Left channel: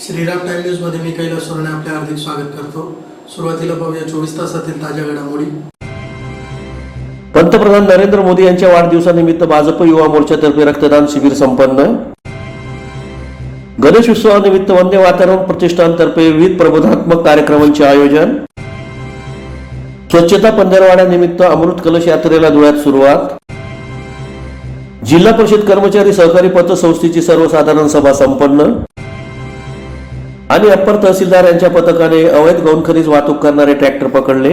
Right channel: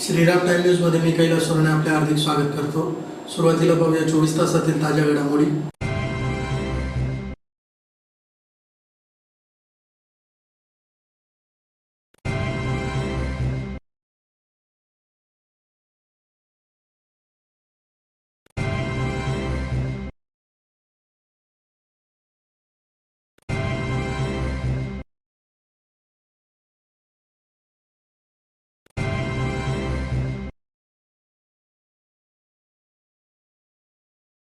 Shriram time news मध्ये मी कैलास सोरणे आपले हार्दिक स्वागत करतो। सुरुवातीला पाहूया 24 तासातील ताज्या घडामोडी। पंतप्रधान नरेंद्र मोदी यांच्या वाढदिवसानिमित्त भाजप युवा मोर्चातर्फे रक्तदान शिबिर संपन्न। गणेश उत्सवानिमित्त वंदे मातरम प्रतिष्ठानतर्फे विविध प्रबोधनात्मक कार्यक्रमांचे आयोजन। स्वच्छता पंधरवड्यानिमित्त अमृत कलश यात्रेला धुळ्यात सुरुवात। जिल्हा परिषद कर्मचारी सहकारी पतसंस्थेची सर्वसाधारण सभा संपन्न। आणि अप्पर तहसीलदार यांच्या पथकाने अवैध गौण खनिज वाहतूक करणारे ट्रॅक्टर पकडले।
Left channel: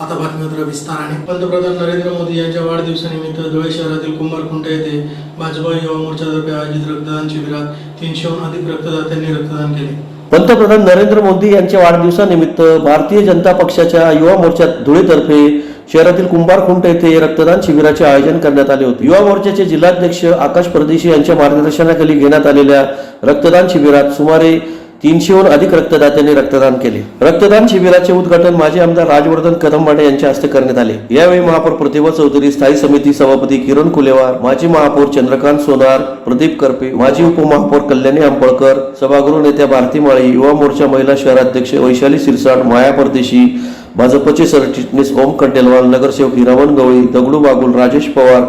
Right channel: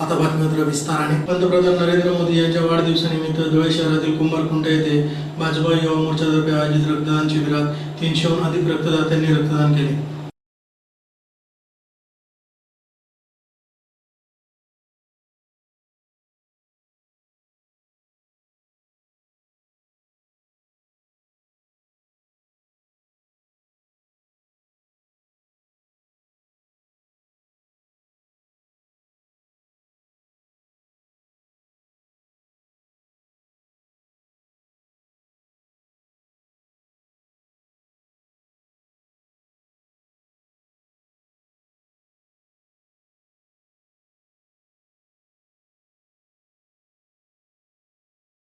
आता बातमीपत्र विस्ताराने। पंतप्रधान नरेंद्र मोदी यांच्या वाढदिवसानिमित्त धुळे शहरातील कुंभारखुंट येथे भाजपा युवा मोर्चातर्फे आयोजित रक्तदान शिबिरात 300हून अधिक रक्तदात्यांनी रक्तदान केले। पंतप्रधान नरेंद्र मोदी यांच्या वाढदिवसानिमित्त भारतीय जनता पक्षाच्या युवा मोर्चा धुळेतर्फे शहरातील कुंभारखुंट येथे रक्तदान शिबिराचे आयोजन करण्यात आले होते। युवा मोर्चाचे जिल्हाध्यक्ष आकाश परदेशी यांच्या मार्गदर्शनाखाली घेण्यात आलेल्या रक्तदान शिबिरात सुमारे 300हून अधिक रक्तदात्यांनी रक्तदान केले। रक्तदान शिबिराचे उद्घाटन माजी आमदार राजवर्धन कदमबाडे यांच्या हस्ते करण्यात आले। यावेळी महापौर प्रतिभा चौधरी, स्थायी समिती सभापती किरण कुलेवार, माजी महापौर चंद्रकांत सोनार, प्रदीप करपे, माजी उपमहापौर कल्याणी आंबळकर, सभागृह नेत्या भारती माळी, युवा मोर्चा महिला शहराध्यक्ष वैशाली सिरसाट, माया परदेशी, भाजपचे सरचिटणीस ओम खंडेलवाल, नगरसेवक हिरामन गवळी, दगडू बागुल, राजेश पवार,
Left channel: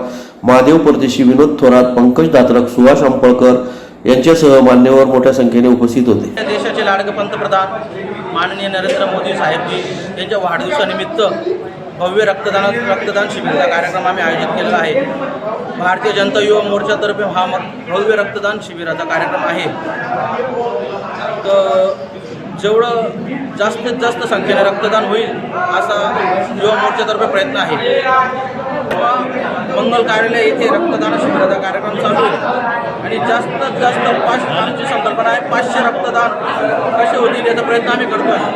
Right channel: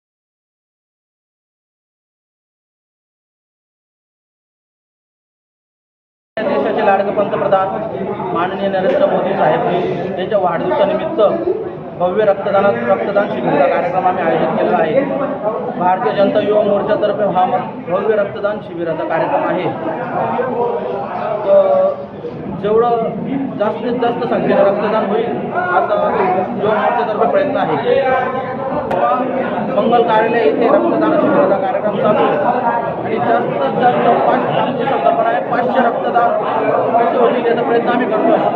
महादेव परदेशी, विनोद थोरात, पंकज दात्रक, सुभाष आंबळकर यांच्यासह मान्यवर मोठ्या संख्येने उपस्थित होते। देशाचे लाडके पंतप्रधान माननीय नरेंद्र मोदी साहेब यांच्या वाढदिवसानिमित्त भव्य रक्तदान शिबिराचा कार्यक्रम आम्ही आयोजित केलेला आहे। भारतीय जनता युवा मोर्चातर्फे हा भव्य रक्तदान शिबिराचा कार्यक्रम आहे। जेवढं जास्तीत जास्त संख्येने रक्तदान होईल असा युवा मोर्चातर्फे प्रयत्न आहे। मंगल कार्यालय येथे रक्तदान शिबिराचा कार्यक्रम चालू आहे आणि जास्तीत जास्त आमची संकल्पना आहे 500 रक्तदान कसे होतील याचा प्रयत्न आम्ही करतो आहे।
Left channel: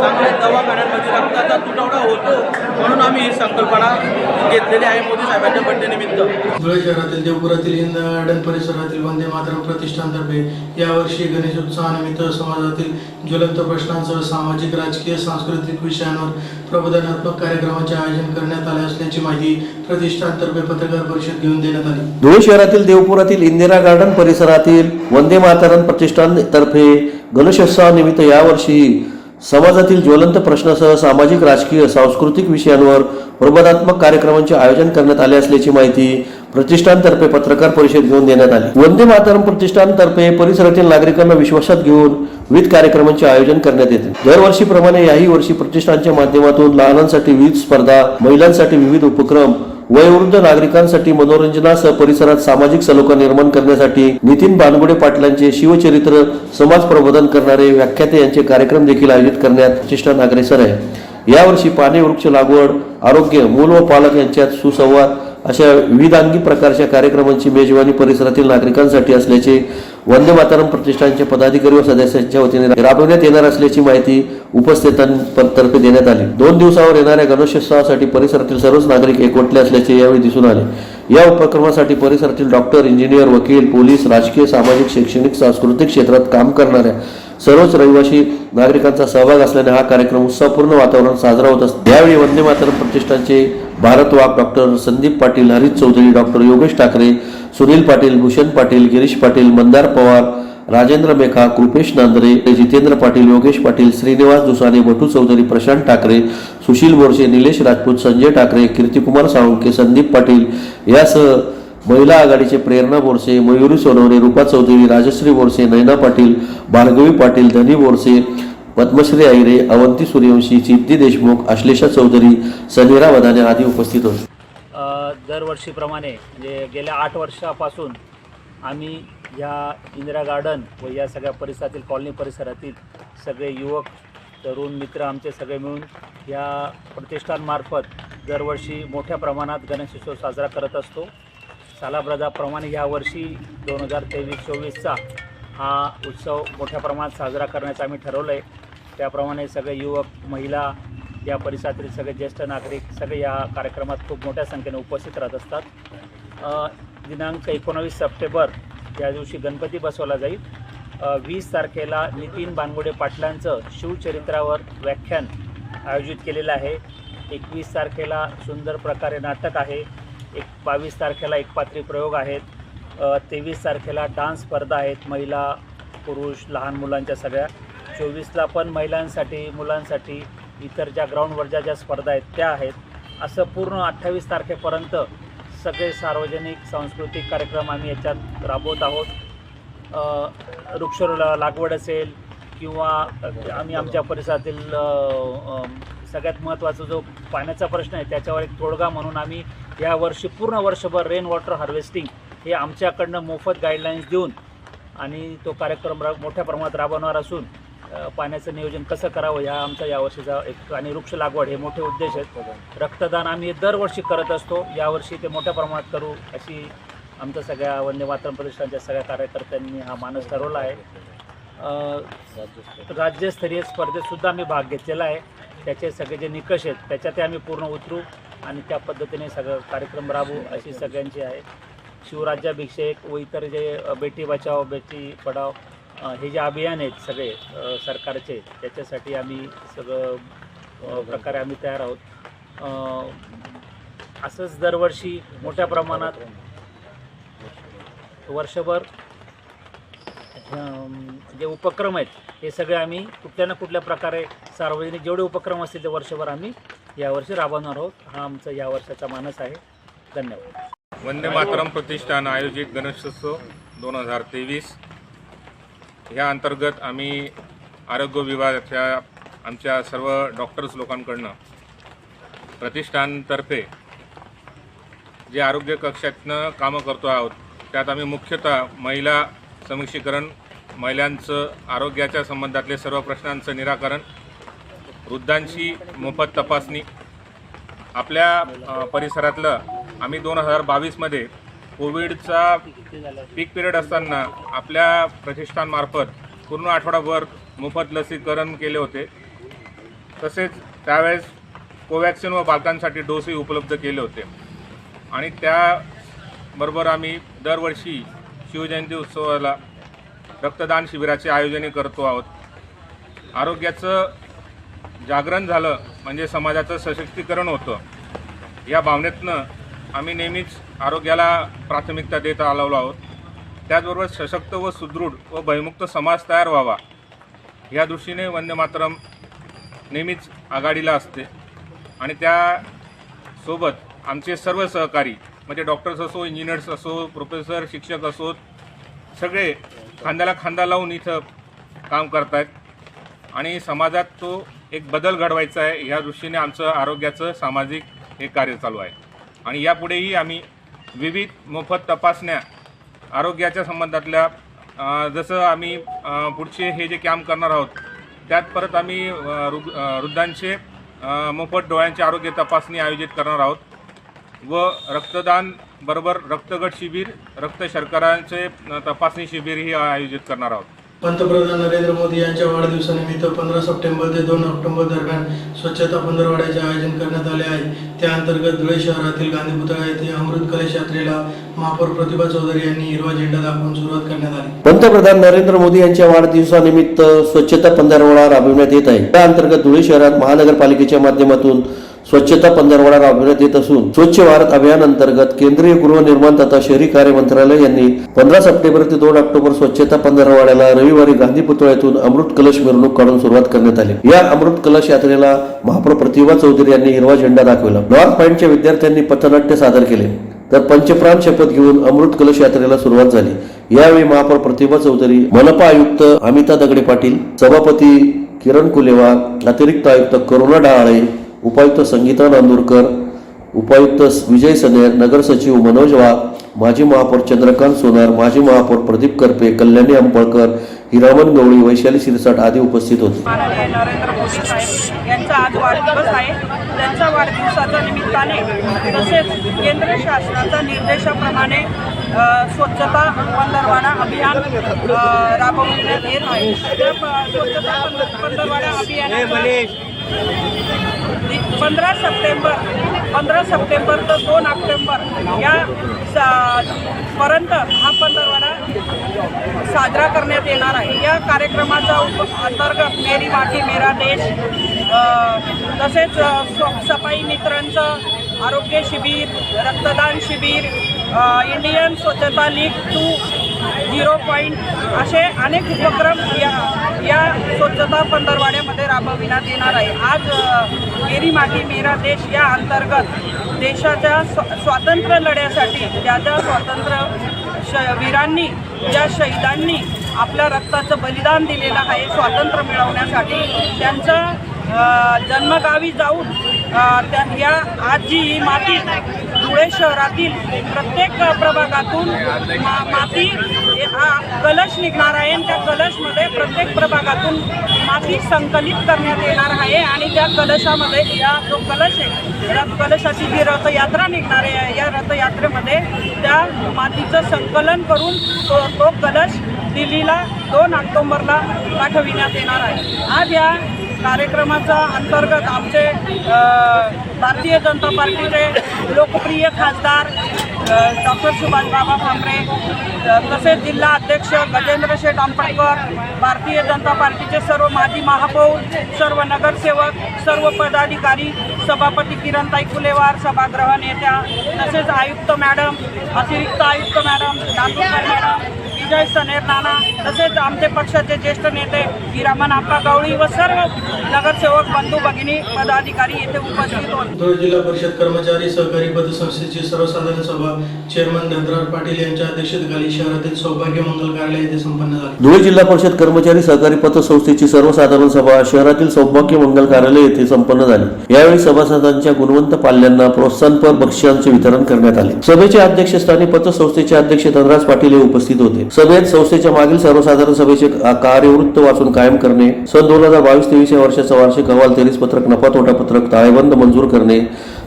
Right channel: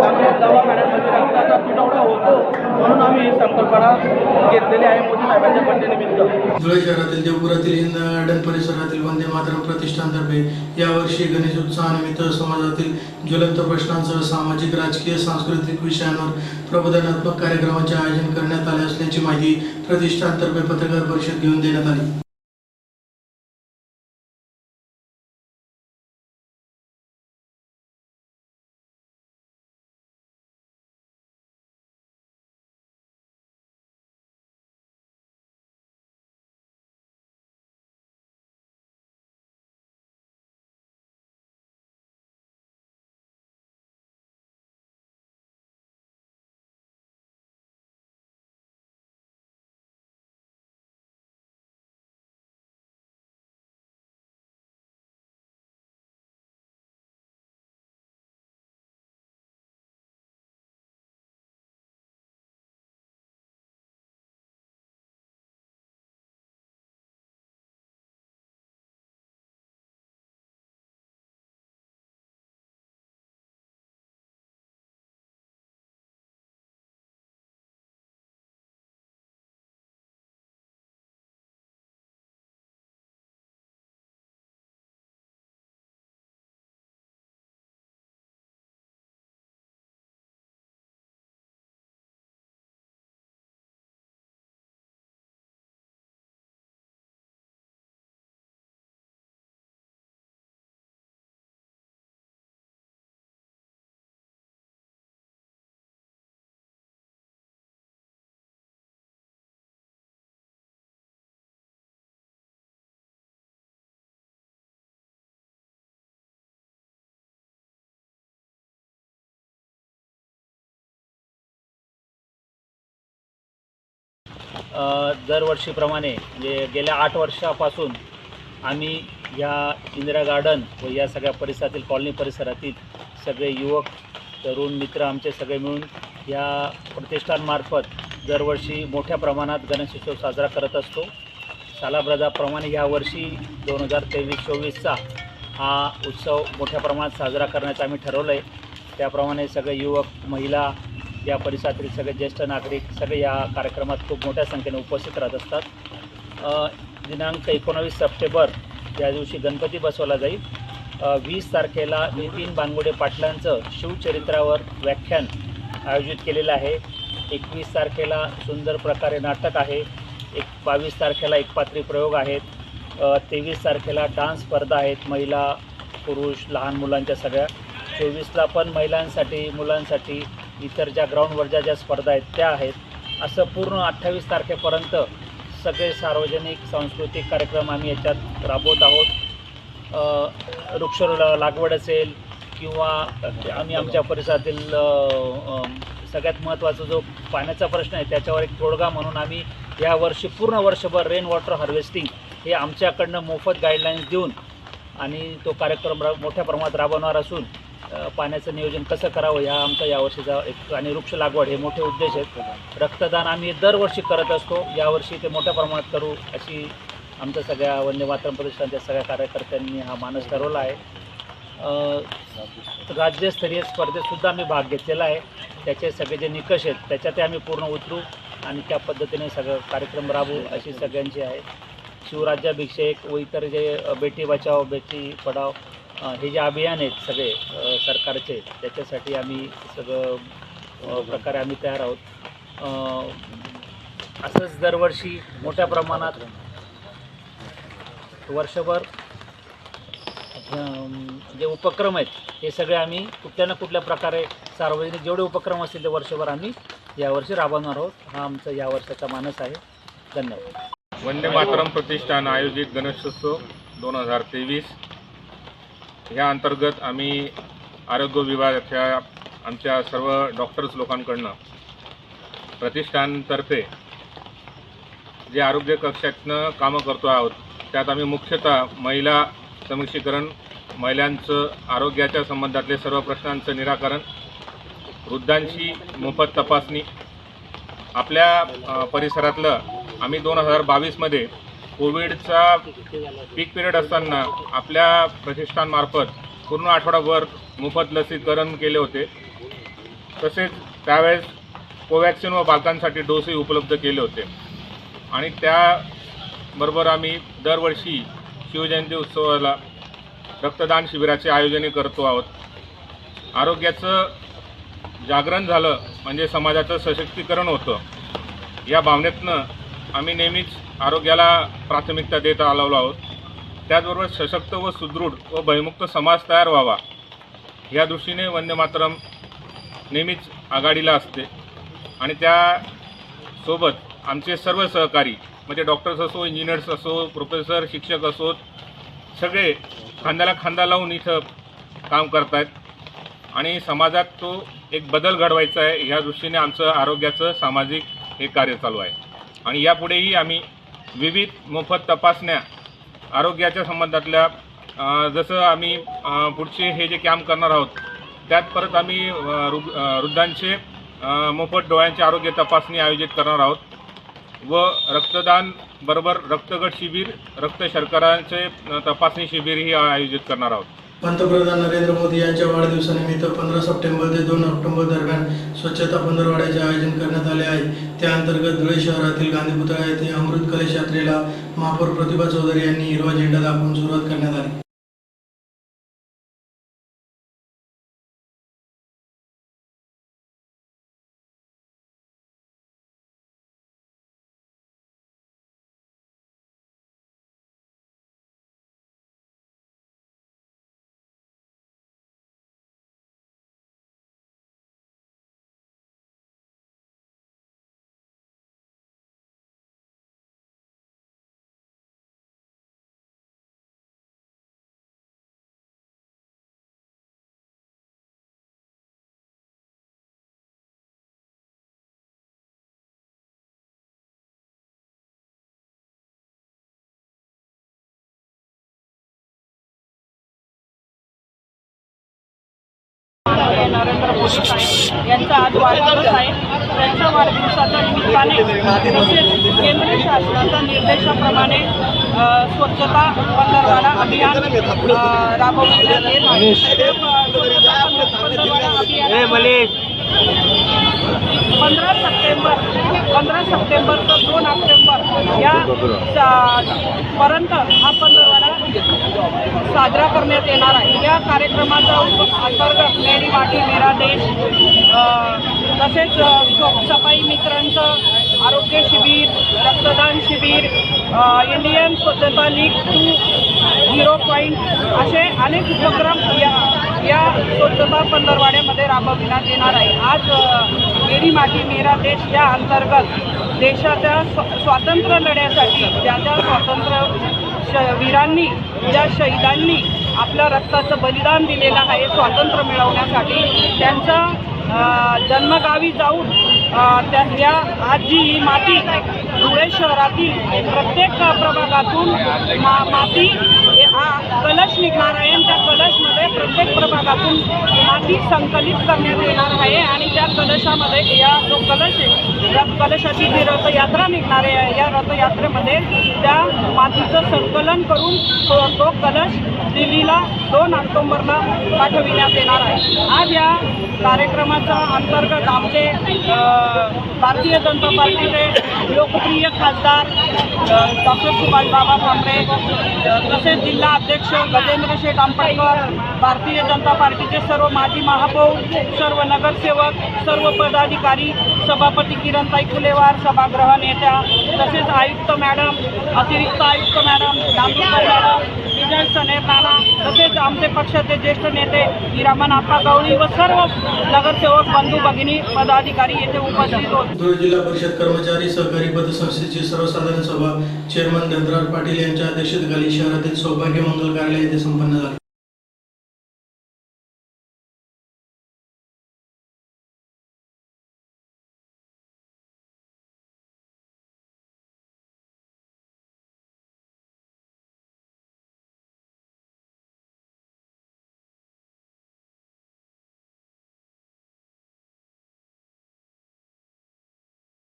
चांगल्या दवाखान्यांमध्ये रक्ताचा तुटवडा होतो म्हणून आम्ही ही संकल्पना घेतलेली आहे मोदी साहेबांच्या बड्डेनिमित्त। धुळे शहरातील देवपुरातील इंदिरा गार्डन परिसरातील वंदे मातरम प्रतिष्ठानतर्फे यावर्षी गणेश उत्सवानिमित्त समाजातील ज्वलंत प्रश्नांसह सामाजिक, राजकीय, सांस्कृतिक विषयांवर प्रबोधनात्मक कार्यक्रमाचे आयोजन करण्यात आले असल्याची माहिती प्रतिष्ठानतर्फे पत्रकार परिषद घेऊन देण्यात आली। धुळे शहरातील देवपुरातील इंदिरा गार्डन परिसरातील वंदे मातरम प्रतिष्ठानतर्फे गणेशोत्सवानिमित्त यावर्षी समाजातील ज्वलंत प्रश्नासह सामाजिक, राजकीय, सांस्कृतिक विषयांवर प्रबोधनात्मक कार्यक्रमांचे आयोजन करण्यात आले असल्याची माहिती प्रतिष्ठानतर्फे पत्रकार परिषद घेऊन देण्यात आली। वंदे मातरम प्रतिष्ठानतर्फे परिसरातील नागरिकांना विश्वासात घेऊन विविध कार्यक्रमांचे आयोजन करण्यात येते। दरवर्षीप्रमाणे याही वर्षी प्रतिष्ठानच्या माध्यमातून लहानांसाठी विविध स्पर्धा, महिलांसाठी विविध उपक्रम, वयोवृद्ध नागरिकांसाठी मनोरंजनासह परिसरात सामाजिक सलोखा निर्माण करण्यासाठी नितीन बानगुडे पाटलांचे शिवचरित्र, समाज प्रबोधन करणारे व्याख्याते यांचे कार्यक्रम देखील आयोजित करण्यात प्रतिष्ठान अग्रेसर आहे। यावर्षी पाने, वृक्ष लागवड, आरोग्य, मूल व पालक यांच्यात सुसंवाद अशा विविधांगी प्रकारच्या कार्यक्रमांची मेजवानी परिसरातील नागरिकांसाठी असल्याचे वंदे मातरम प्रतिष्ठानच्या पदाधिकारी व सदस्यांच्या वतीने राबवण्यात येणार असल्याची माहिती उपस्थितांतर्फे देण्यात आली। 2 दिवसावर येणाऱ्या गणेशोत्सवासाठी परिसरातील सर्वच नागरिक एकवटले असल्याचे यावेळी दिसून आले। या उपक्रमासाठी परिसरातील डॉक्टर, इंजिनियर, वकील, पोलीस, राजकीय, सामाजिक, शैक्षणिक, सांस्कृतिक क्षेत्रात काम करणाऱ्या सर्वच रहिवासी नागरिकांचा सहभाग असल्याने हा कार्यक्रम उत्साहपूर्ण वातावरण साजरा होत असतो। यावेळी वंदे मातरम प्रतिष्ठानचे भारत वाघ, डॉक्टर संदीप पाटील, हरीश चौधरी, डॉक्टर योगेश ठाकरे, सुनील पाटील, भूषण पाटील, गिरीश पाटील, मंदार पवार, राजेंद्र मेखा, कृपेश नांदरे, जितेंद्र पाटील, योगेश पाटील, श्रीनिवास दुसाने, भटू चौधरी, प्रशांत ठाकरे, सुशील बोरसे, निलेश राजपूत, संजय ठाकरे, कीर्तिकुमार साळुंके, संदीप पाटील यासह महिला आघाडीचे प्रेरणा बोरसे, मयुरी सोनवणे, रूपा चौधरी, राजश्री बोरसे, नैना पाटील, भार्गवी पाटील, धनी बोरसे, पद्मश्री आईरे, अवंती सूर्यवंशी, सिद्धी देशमुख, आश्लेषा चौधरी, सनीरा वदाने आदी उपस्थित होते। दरवर्षीप्रमाणे म्हणजे गेल्या 8 वर्षापासून आम्ही या इंदिरा गार्डन व या सगळ्या परिसरातील कॉलनी परिसरातील सगळे युवक, तरुण मित्र आमचे सगळे मिळून या प्रतिष्ठानमार्फत दरवर्षी मोठ्या प्रमाणात गणेशोत्सव साजरा करत असतो। सालाबादाप्रमाणे यावर्षी 2023-24चा हा उत्सव मोठ्या प्रमाणात साजरा करण्याचं आम्ही ठरवलं आहे। त्याप्रमाणे सगळे युवक, महिला, या परिसरातील सगळे ज्येष्ठ नागरिक सगळे या कार्यक्रमात खूप मोठ्या संख्येने उपस्थित राहत असतात। दिनांक 19 सप्टेंबर या दिवशी गणपती बसवला जाईल। 20 तारखेला नितीन बानगुडे पाटलांचं शिवचरित्रावर व्याख्यान आयोजित केलेलं आहे। 21 तारखेला सुंदर प्रकारे नाटक आहे। 22 तारखेला एकपात्री प्रयोग आहेत, 23 तारखेला डान्स स्पर्धा आहेत, महिला पुरुष लहान मुलांच्या सगळ्या, 24ला पण महिलांसाठी मुलांसाठी इतर ज्या ग्राउंडवरच्या ज्या स्पर्धा आहेत त्या आहेत. असं पूर्ण 28 तारखेपर्यंत सगळे सार्वजनिक सांस्कृतिक कार्यक्रम आम्ही याच्यात राबवत आहोत. वृक्ष लागवड असेल किंवा आम्ही आमच्या परिसरातील सगळ्यात महत्त्वाचा जो पाण्याचा प्रश्न आहे त्याच्यावर एक तोडगा म्हणून आम्ही यावर्षी पूर्ण वर्षभर रेन वॉटर हार्वेस्टिंग हे आमच्याकडनं मोफत गाईडलाईन्स देऊन आणि तो कार्यक्रम मोठ्या प्रमाणात राबवणार असून पाण्याचं नियोजन कसं करावं ह्या आमचा यावर्षीचा एक, आणि वृक्ष लागवड हे मोठे उद्देश आहेत. रक्तदान आम्ही दरवर्षी करत असतो, यावर्षी ते मोठ्या प्रमाणात करू अशी आमच्या सगळ्या वंदे मातरम प्रतिष्ठानच्या सगळ्या कार्यकर्त्यांनी हा मानस ठरवला आहे. राज्यस्तरीय स्पर्धेतसुद्धा आम्ही भाग घेतलेला आहे. त्याचे सगळे जे निकष आहेत त्याच्यात आम्ही पूर्ण उतरू आणि त्या पद्धतीने सगळं कार्यक्रम राबवू अशी सगळ्यांची आहे. शिवराज्याभिषेक व इतर जे बेटी बचाव बेटी पढाव हे जे अभियान आहेत सगळे सरकारचे, त्याच्यासाठी आम्ही सगळं प्रकारे आम्ही तयार आहोत. असंच दरवर्षी मोठ्या प्रमाणात वर्षभर जे उपक्रम आहेत हे सगळे आम्ही कुठल्या ना कुठल्या प्रकारे सार्वजनिक जेवढे उपक्रम असतील ते वर्षभर आम्ही यावर्षी राबवणार आहोत. हा आमचा या वर्षाचा मानस आहे. धन्यवाद. वंदे मातरम प्रतिष्ठान आयोजित गणेशोत्सव 2023 ह्या अंतर्गत आम्ही आरोग्य विभागाच्या आमच्या सर्व डॉक्टर्स लोकांकडनं प्रतिष्ठानतर्फे जे आरोग्य कक्षातनं कामं करतो आहोत त्यात आम्ही मुख्यतः महिला सक्षमीकरण, महिलांचं आरोग्याच्या संबंधातले सर्व प्रश्नांचं निराकरण, वृद्धांची मोफत तपासणी. आपल्या परिसरातलं आम्ही 2022मध्ये कोविडचा पीक पिरियड असताना आपल्या प्रतिष्ठानमार्फत पूर्ण आठवडाभर मोफत लसीकरण केले होते. तसेच त्यावेळेस कोवॅक्सिन व बालकांसाठी डोसही उपलब्ध केले होते. आणि त्याबरोबर आम्ही दरवर्षी शिवजयंती उत्सवाला रक्तदान शिबिराचे आयोजन करतो आहोत. आरोग्याचं जागरण झालं म्हणजे समाजाचं सशक्तीकरण होतं, या भावनेतनं आम्ही नेहमीच आरोग्याला प्राथमिकता देत आलेलो आहोत. त्याचबरोबर सशक्त व सुदृढ व भयमुक्त समाज तयार व्हावा या दृष्टीने वंदे मातरम नेहमीच आघाडीला असते. आणि त्यासोबत आमचे सर्व सहकारी म्हणजे डॉक्टर्स असो, इंजिनियर्स असो, प्रोफेसर, शिक्षक असोत, सगळे खांद्याला खांदा लावून इथं काम करत आहेत. आणि समाजात तो एक बदल घडवायचा आहे ह्या दृष्टीने आमचं आरोग्याचं सामाजिक हे कार्य चालू आहे. आणि यापुढेही आम्ही विविध मोफत तपासण्या आरोग्याच्या संबंधातल्या जसं आम्ही पुढचे हे जे कॅम्प करणार आहोत त्यात परत आम्ही वृद्धांचे मोफत डोळ्यांचे आरोग्य तपासणी आयोजित करणार आहोत व रक्तदान बरोबर रक्तगट शिबिर, रक्त शर्करांचे तपासणी शिबिरही आयोजित करणार आहोत. पंतप्रधान नरेंद्र मोदी यांच्या वाढदिवसानिमित्त 15 सप्टेंबर ते 2 ऑक्टोबर दरम्यान स्वच्छता पंधरवड्याचे आयोजन करण्यात आले आहे. त्या अंतर्गत धुळे शहरातील गांधी पुतळा येथे अमृत कलश यात्रेला महापौर प्रतिभा चौधरी यांनी हिरवा झेंडा दाखवून सुरुवात करण्यात आली. पंतप्रधान नरेंद्र मोदी यांच्या वाढदिवसानिमित्त स्वच्छता पंधरवडा राबविण्यात येत आहे. त्या अंतर्गत धुळे शहरात महानगरपालिकेच्या माध्यमातून स्वच्छता पंधरवडा राबविण्यात येत असून स्वच्छ भारत अभियान अंतर्गत केंद्रीय गृहनिर्माण तथा शहरी कार्य मंत्रालय यांनी 15 सप्टेंबर ते 2 ऑक्टोबर स्वच्छता पंधरवड्याला रविवारी गांधी पुतळ्यातून अमृत कलश मिरवणूक काढून सुरुवात करण्यात आली. या अमृत कलश यात्रेला महापौर प्रतिभा चौधरी यांनी हिरवा झेंडा दाखवला. नॉर्थ पॉइंटच्या विद्यार्थ्यांनी पथनाट्य सादर केले तर पंचप्राण शपथ घेऊन अमृत कलश यात्रेला सुरुवात झाली. यावेळी महापौर प्रतिभा चौधरी, मनपा आयुक्त अमिता दगडे पाटील, सभापती किरण कुलेवार, अतिरिक्त आयुक्त करुणा डहाळे, उपायुक्त संगीता नांदुरकर, उपायुक्त विजय सनेर, नगर सचिव मनोज वाघ, माजी महापौर चंद्रकांत सोनार, माजी महापौर प्रदीप करपे, कल्याणी अंपळकर, हिरामन गवळी, वैशाली शिरसाट आदी उपस्थित होते. नरेंद्र मोदी साहेब यांचा आज वाढदिवस आहे. त्यांच्या वाढदिवसाच्या निमित्ताने तसेच केंद्र शासनाच्या निर्देशाप्रमाणे स्वच्छता पंधरवडा अभियान राबवण्यात येत आहे. स्वच्छता पंधरवडा अभियान 15 सप्टेंबर ते 2 ऑक्टोबर या पर्यंत हा पंधरवडा साजरा करण्यात येणार आहे. या कार्यक्रमाच्या अंतर्गत मेरी माती मेरा देश तसेच सफाई मित्रांचं आरोग्य शिबिर, रक्तदान शिबिर, इंडियन स्वच्छता लीग 2.0 पॉईंट असे अनेक उपक्रम या स्वच्छता पंधरवाड्यामध्ये राबविण्यात येणार आहे. आज मेरी माती मेरा देश या अंतर्गत देशाच्या स्वातंत्र्य लढ्यासाठी ज्या स्वातंत्र्य वीरांनी, ज्या शहीदांनी आपल्या रक्ताचं बलिदान दिलेलं आहे स्वातंत्र्य मिळवण्यासाठी, त्यांचं जन्मगावी जाऊन या आज जी ही माती धुळे शहरातील प्रत्येक प्रभागातून माती हा कलश निघणार आहे. त्या कलशमध्ये प्रत्येक प्रभागातून माती संकलित करण्यात येणार आहे आणि त्या कलशामध्ये जो कलश आहे, कलशाची जी रथयात्रा निघणार आहे, या रथयात्रेमध्ये त्या मातीचं संकलन करून तो कलश दिल्लीला 2 ऑक्टोबरला पाठविण्यात येणार आहे. आज या कार्यक्रमाच्या अंतर्गत आमचे भारतीय जनता पार्टीचे लोकप्रिय खासदार डॉक्टर सुभाष बाबा भामरे, तसेच जिल्हा अध्यक्ष गजेंद्र शेठ आंबेडकर, भारतीय जनता पार्टीचे सर्व माजी महापौर, सर्व नगरसेवक, सर्व पदाधिकारी, सभापती किरणताई फुलेवार, सभागृह नेत्या, तसेच आयुक्त मॅडम, अतिरिक्त आयुक्त मॅडम, दातुरकर मॅडम, विजय सनेर नाना, तसेच आमचे पक्षाचे ज्येष्ठ नेते हिरामन आप्पा गवळी व सर्व नगरसेवक बंधू भगिनी पदाधिकारी येथे उपस्थित होते. धुळे जिल्हा परिषद कर्मचारी सहकारी पतसंस्थेची सर्वसाधारण सभा चेअरमन धनराज पाटील यांच्या अध्यक्षतेखाली शहरातील सौभाग्य मंगल कार्यालय येथे संपन्न झाली. धुळे जिल्हा परिषद कर्मचारी सहकारी पतसंस्थेची सर्वसाधारण सभा शहरातील सौभाग्य मंगल कार्यालय येथे संपन्न झाली. यावेळी सभासदांच्या गुणवंत पाल्यांना प्रोत्साहनपर बक्षिसांचे वितरण करण्यात आले. सभेच्या अध्यक्षस्थानी पतसंस्थेचे अध्यक्ष धनराज पाटील हे उपस्थित होते. सभेत संस्थेच्या मागील सर्वसाधारण सभेचे कार्यवृत्त वाचून कायम करणे, सन 2022-23 या वर्षाचा वार्षिक अहवाल, तेरीस पत्रक, नफा तोटा पत्रक, ताळेबंद मंजूर करणे,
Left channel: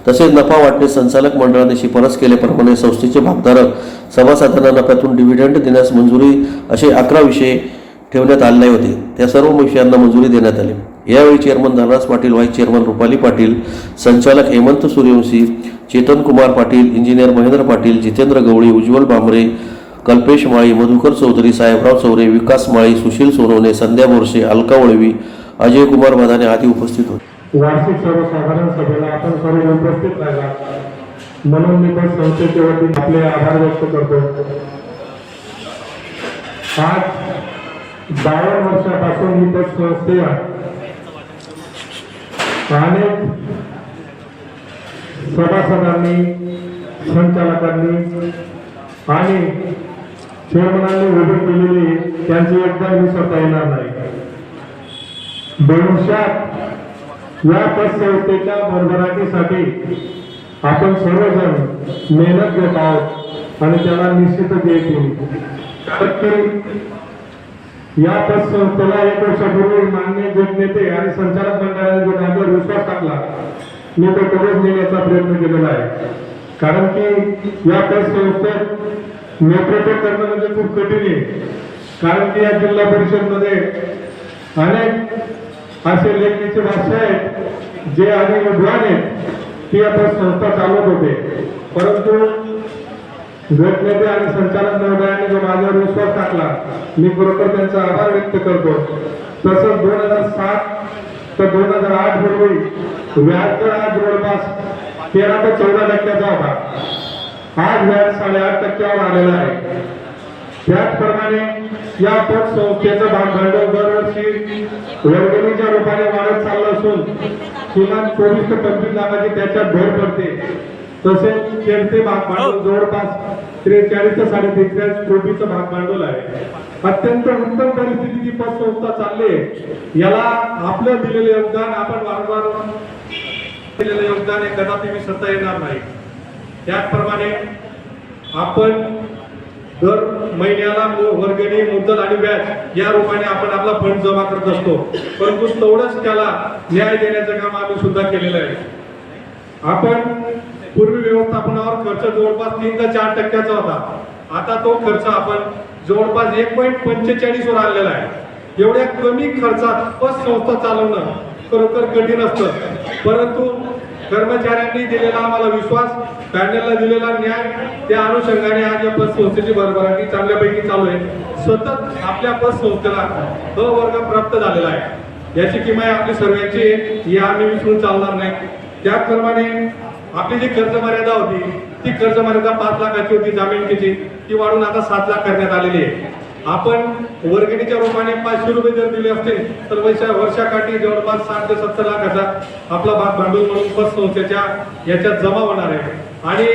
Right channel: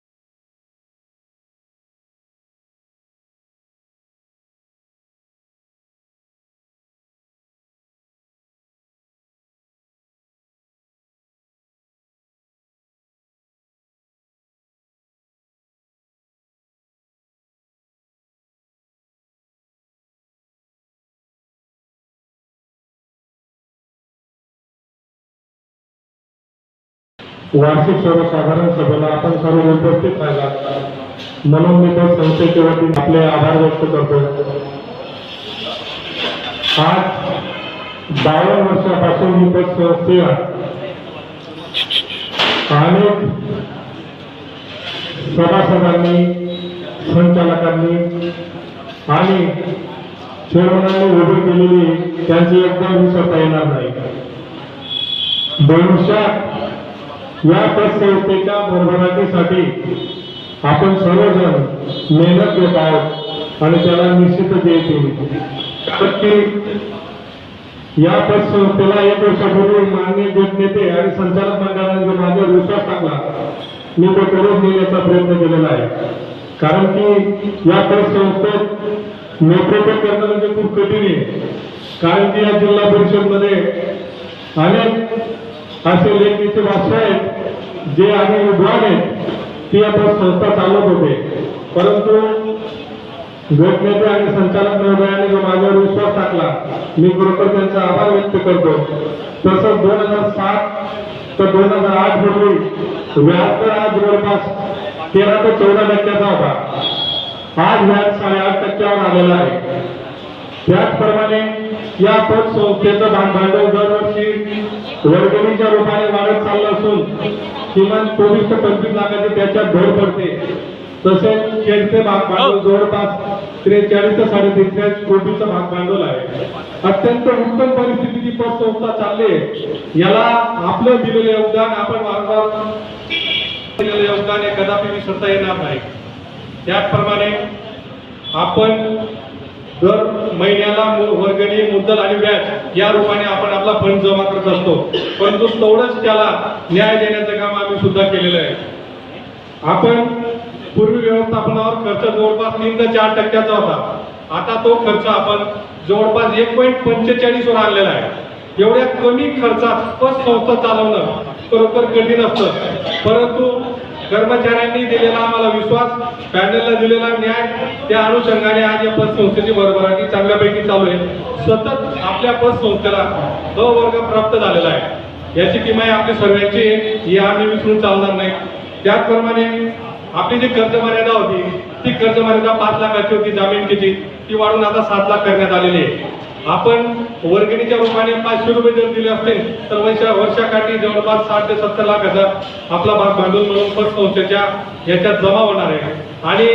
तसेच नफा वाटणे संचालक मंडळाने शिफारस केल्याप्रमाणे संस्थेचे भागधारक सभासदांना नफ्यातून डिव्हिडंड देण्यास मंजुरी असे 11 विषय ठेवण्यात आले होते. त्या सर्व विषयांना मंजुरी देण्यात आली. यावेळी chairman Dhanraj Patil, vice chairman Rupali Patil, संचालक हेमंत सूर्यवंशी, चेतन कुमार पाटील, इंजिनियर महेंद्र पाटील, जितेंद्र गवळी, उज्ज्वल भामरे, कल्पेश माळी, मधुकर चौधरी, साहेबराव चौरे, विकास माळी, सुशील सोनवणे, संध्या बोरसे, अलका वळवी, अजय कुमार मदाने आदी उपस्थित होते. वार्षिक सर्वसाधारण सभेला आपण सर्व उपस्थित राहिला म्हणून मी त्या संस्थेच्या वतीने आपले आभार व्यक्त करतो. आज 12 वर्षापासून मी त्या संस्थेला अनेक सभासदांनी, संचालकांनी आणि चेअरमनांनी उभी केलेली त्यांची एकदा विसरता येणार नाही. भविष्यात या पतसंस्थेच्या भरभराटीसाठी आपण सर्वजण मेहनत घेत आहोत आणि त्याला निश्चितच यश येईल. कारण की या पतसंस्थेला 1 वर्षापूर्वी माननीय ज्येष्ठ नेते आणि संचालक मंडळाने जो माझ्यावर विश्वास टाकला, मी तो करून नेण्याचा प्रयत्न केलेला आहे. कारण की या पतसंस्थेत नेतृत्व करणं म्हणजे खूप कठीण आहे. कारण की या जिल्हा परिषदमध्ये अनेक असे लेखनीचे वास्तव आहेत जे आधी विद्वान आहेत, ती आता संस्था चालवत होते. परंतु गटनेते आणि संचालक महोदयांनी जो माझ्यावर विश्वास टाकला, मी खरोखर त्यांचा आभार व्यक्त करतो. तसंच 2007 तर 2008 रोजी व्याज आज जवळपास 13 ते 14% होता. आज व्याज 8.5% आलेला आहे. त्याचप्रमाणे या पतसंस्थेचं भांडवल दरवर्षी वर्गणीच्या रूपाने वाढत चाललं असून किमान 24 ते 25 लाखाची त्याच्यात भर पडते. तसेच खेळते भांडवल जवळपास 43 ते 3.5 कोटीचं भांडवल आहे. अत्यंत उत्तम परिस्थितीची पतसंस्था चालली आहे. याला आपलं दिलेलं योगदान, आपण वारंवार दिलेलं योगदान हे कदापि विसरता येणार नाही. त्याचप्रमाणे आपण दर महिन्याला वर्गणी, मुद्दल आणि व्याज या रूपाने आपण आपला फंड जमा करत असतो. परंतु तेवढंच त्याला न्याय देण्याचं काम आम्ही सुद्धा केलेलं आहे. आपण पूर्वी व्यवस्थापनावर खर्च जवळपास 3 ते 4% होता. आता तो खर्च आपण जवळपास 1.45 वर आणलेला आहे. एवढ्या कमी खर्चात पतसंस्था चालवणं खरोखर कठीण असतं. परंतु कर्मचाऱ्यांनी दिलेला आम्हाला विश्वास, पॅनलला दिलेला न्याय, त्या अनुषंगाने आज या पतसंस्थेची भरभराटी चांगल्यापैकी चालू आहे. सतत आपल्या पतसंस्थेला द वर्ग प्राप्त झालेला आहे. याची किंमत आपली सर्वांची, ही आम्ही विसरून चालणार नाही. त्याचप्रमाणे आपली जी कर्ज मर्यादा होती ती कर्ज मर्यादा 5 लाखाची होती जामीनची, ती वाढून आता 7 लाख करण्यात आलेली आहे. आपण वर्गणीच्या रूपाने 500 रुपये जर दिले असतील तर वर्षाकाठी जवळपास 60 ते 70 लाखाचा आपला भांडवल म्हणून पतसंस्थेच्या याच्यात जमा होणार आहे. आणि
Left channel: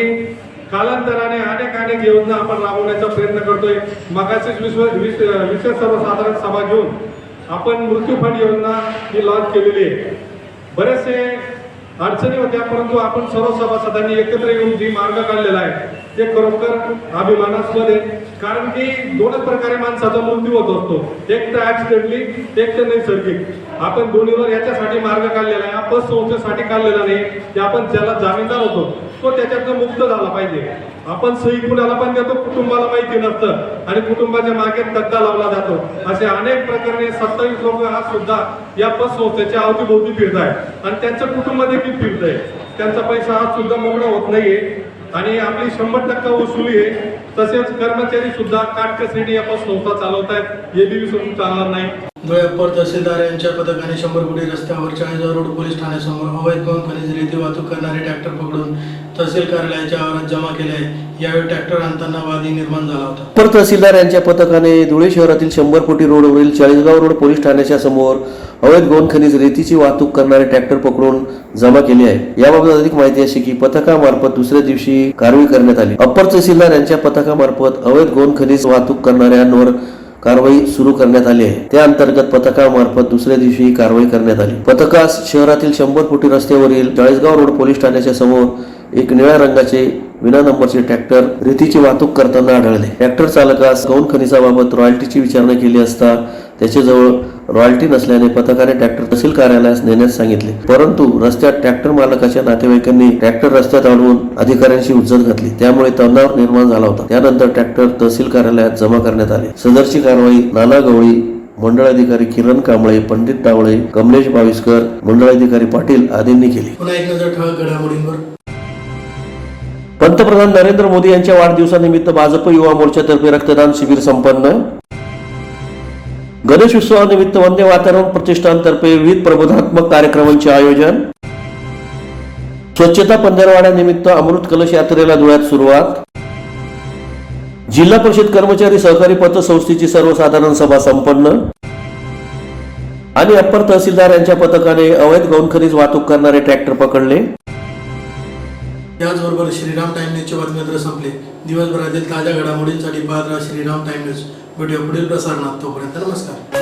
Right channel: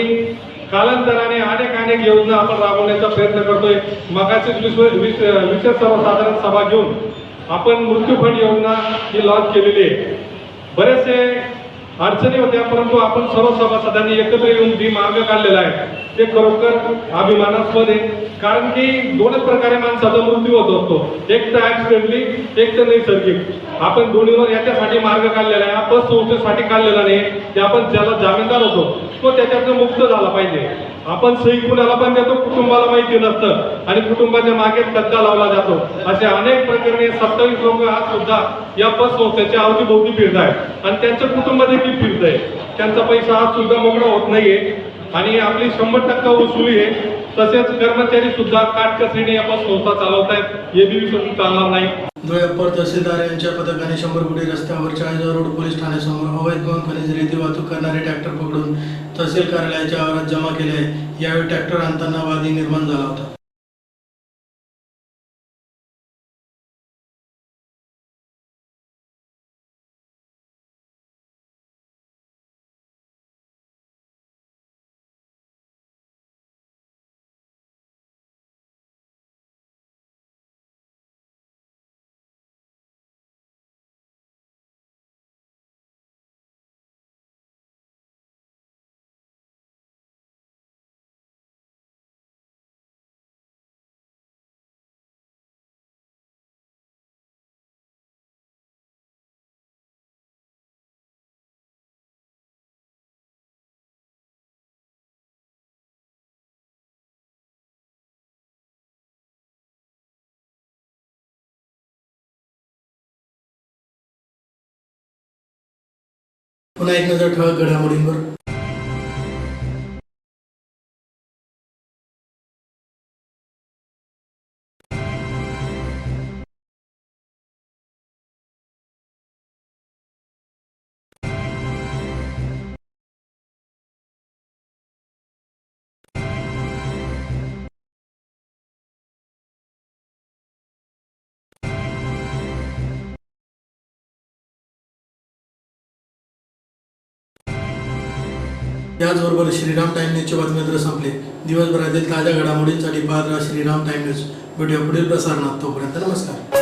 कालांतराने अनेक योजना आपण राबवण्याचा प्रयत्न करतोय. मगाचीच विशेष सर्वसाधारण सभा घेऊन आपण मृत्यू फंड योजना ही लॉन्च केलेली आहे. बरेचसे अडचणी होत्या, परंतु आपण सर्व सभासदांनी एकत्र येऊन जी मार्ग काढलेला आहे ते खरोखर अभिमानास्पद आहे. कारण की दोनच प्रकारे माणसाचा मृत्यू होत असतो, एक तर ऍक्सिडेंटली, एक तर नैसर्गिक. आपण दोन्हीवर याच्यासाठी मार्ग काढलेला आहे. आपण संस्थेसाठी काढलेला नाही की आपण ज्याला जामीनदार होतो तो त्याच्यातून मुक्त झाला पाहिजे. आपण सही कुणाला पण देतो, कुटुंबाला माहिती नसतं आणि कुटुंबाच्या मागे गद्दा लावला जातो. असे अनेक प्रकरणे 27 लोक आज सुद्धा या पतसंस्थेच्या अवतीभोवती फिरत आहेत आणि त्यांचं कुटुंब देखील फिरत आहे. त्यांचा पैसा आज सुद्धा मोकळा होत नाहीये आणि आपली 100% वसुली आहे. तसेच कर्मचारी सुद्धा काटकसरीने या पतसंस्था चालवत आहेत, हे बी विसरून चालणार नाही. धुळे अप्पर तहसीलदार यांच्या पथकाने 100 कोटी रस्त्यावर चाळीसगाव रोड पोलीस ठाण्यासमोर अवैध गौण खनिज रेती वाहतूक करणारे ट्रॅक्टर पकडून तहसील कार्यालयाच्या आवारात जमा केले आहे. यावेळी ट्रॅक्टर आणताना वादी निर्माण झाला होता. अप्पर तहसीलदार यांच्या पथकाने धुळे शहरातील 100 कोटी रोडवरील चाळीसगाव रोड पोलीस ठाण्याच्या समोर अवैध गौण खनिज रेतीची वाहतूक करणारे ट्रॅक्टर पकडून जमा केले आहे. याबाबत अधिक माहिती अशी की पथकामार्फत दुसऱ्या दिवशी कारवाई करण्यात आली. अप्पर तहसीलदार यांच्या पथकामार्फत अवैध गौण खनिज वाहतूक करणाऱ्यांवर कारवाई सुरू करण्यात आली आहे. त्या अंतर्गत पथकामार्फत दुसऱ्या दिवशी कारवाई करण्यात आली. पथकास शहरातील 100 कोटी रस्त्यावरील चाळीसगाव रोड पोलीस ठाण्याच्या समोर एक निळ्या रंगाचे विना नंबरचे ट्रॅक्टर रेतीची वाहतूक करताना आढळले. ट्रॅक्टर चालकास गौण खनिजाबाबत रॉयल्टीची विचारणा केली असता त्याच्याजवळ रॉयल्टी नसल्याने पथकाने ट्रॅक्टर तहसील कार्यालयास नेण्यास सांगितले. परंतु रस्त्यात ट्रॅक्टर मालकाच्या नातेवाईकांनी ट्रॅक्टर रस्त्यात आणून अधिकाऱ्यांशी हुज्जत घातली. त्यामुळे तणाव निर्माण झाला होता. त्यानंतर ट्रॅक्टर तहसील कार्यालयात जमा करण्यात आले. सदरची कारवाई नाना गवळी, मंडळ अधिकारी किरण कांबळे, पंडित टावळे, कमलेश बाविस्कर, मंडळ अधिकारी पाटील आदींनी केली. पुन्हा एक नजर ठळक घडामोडींवर. पंतप्रधान नरेंद्र मोदी यांच्या वाढदिवसानिमित्त भाजप युवा मोर्चातर्फे रक्तदान शिबिर संपन्न. गणेश उत्सवानिमित्त वंदे मातरम प्रतिष्ठानतर्फे विविध प्रबोधनात्मक कार्यक्रमांचे आयोजन. स्वच्छता पंधरवड्यानिमित्त अमृत कलश यात्रेला धुळ्यात सुरुवात. जिल्हा परिषद कर्मचारी सहकारी पतसंस्थेची सर्वसाधारण सभा संपन्न. आणि अप्पर तहसीलदार यांच्या पथकाने अवैध गौण खनिज वाहतूक करणारे ट्रॅक्टर पकडले. याचबरोबर श्रीराम टाइम न्यूजचे बातमीपत्र संपले. दिवसभरातील ताज्या घडामोडींसाठी पाहत राहा श्रीराम टाइम न्यूज. भेटूया पुढील प्रसारणात. तोपर्यंत नमस्कार.